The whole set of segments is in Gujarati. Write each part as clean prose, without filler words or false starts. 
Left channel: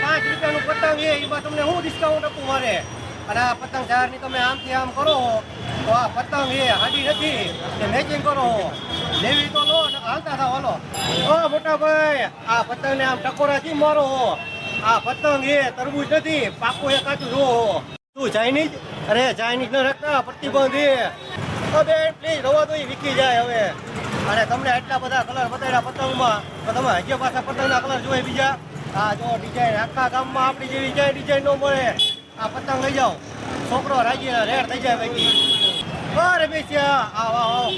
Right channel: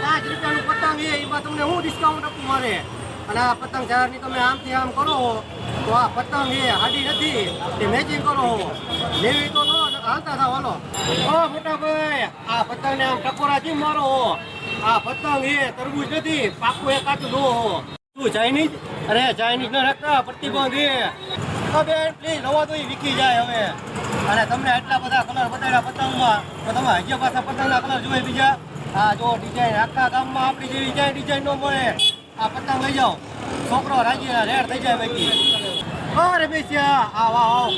5 રૂપિયાનું પતંગ છે એમાં તમને શું ડિસ્કાઉન્ટ આપવું મારે? અને આ પતંગ જાહેરની તમે આમથી આમ કરો તો આ પતંગ એ હાડી નથી તે મેચિંગ કરો લેવી તો લો હાલતા થાવ હાલો. ઓ મોટા ભાઈ આ પતંગને આમ ટકોરાથી મારો આ પતંગ એ તરબૂચ નથી પાકું એ કાચું દો તું ચાઇનીઝ અરે ચાઇનીઝ ન રાખતા પ્રતિબંધ એ હવે પ્લીઝ રવા તો વિકી જાય હવે. અને તમને આટલા બધા કલર બતાવ્યા પતંગમાં તો તમે હજી પાછા પતંગના કલર જોઈએ બીજા? આ જો ડિઝાઇન આખા ગામમાં આપણી જેવી ક્યાંય ડિઝાઇન ન મળે. આ પતંગ લઈ જાઓ છોકરો રાજી રેડ થઈ જાય બાકી. અરે બેસ્યા આવ આવ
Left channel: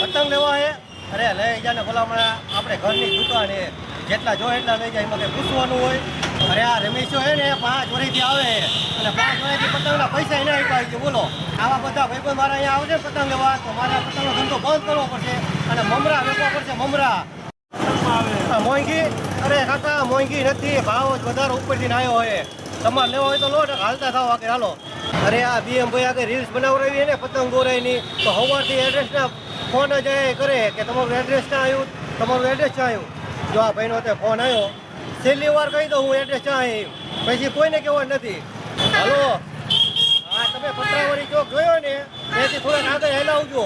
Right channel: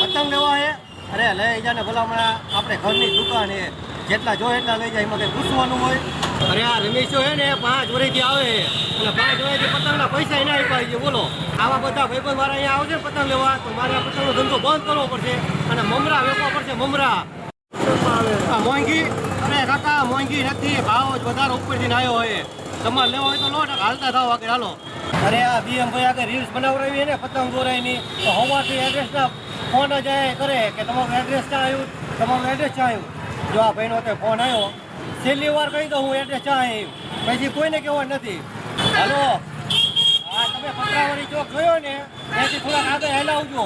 પતંગ લેવા હે? અરે લઈ જાય ભલામણા આપણે ઘરની દુકાન હે જેટલા જો એટલા લઈ જાય મને પૂછવાનું હોય. અરે આ રમેશો હે ને 5 વર્ષથી આવે અને 5 વર્ષથી પતંગના પૈસા એના આપ્યા છે બોલો. આવા બધા ભાઈબંધ વાળા અહીંયા આવશે પતંગ લેવા તો મારે આ પતંગનો ધંધો બંધ કરવો પડશે અને મમરા વેચવા પડશે મમરા. મોંઘી અરે કાકા મોંઘી નથી ભાવ જ વધારે ઉપરથી આવ્યો હોય. તમારે લેવા હોય તો લો હાલતા થાવ આગળ હાલો. અરે આ બીએમ ભાઈ આગળ રીલ્સ બનાવડાવી ને પતંગ દોરાયની તો સવારથી એડ્રેસના ફોન જ કરે કે તમારું એડ્રેસ ક્યાં આવ્યું તમારું એડ્રેસ ક્યાં આવ્યું. જો આ ભાઈનો તે ફોન આવ્યો છેલ્લી વાર કહી દઉં હું એડ્રેસ ક્યાં આવ્યું પછી કોઈને કહેવા નથી. હાલો હા તમે પતરાવાળી ચોક જોયો ને ત્યાંથી થોડાક આગળ હેલાવજો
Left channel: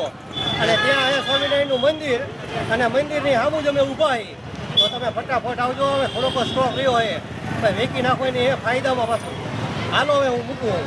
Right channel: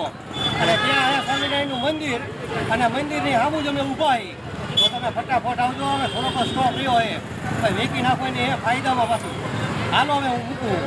અને ત્યાં અહીંયા સ્વામિનારાયણનું મંદિર અને મંદિરની સામું જ અમે ઊભા તો તમે ફટાફટ આવજો. હવે થોડોક સ્ટોક રહ્યો હોય વેચી નાખો ને એ ફાયદામાં પાછું. હાલો હવે હું મૂકું.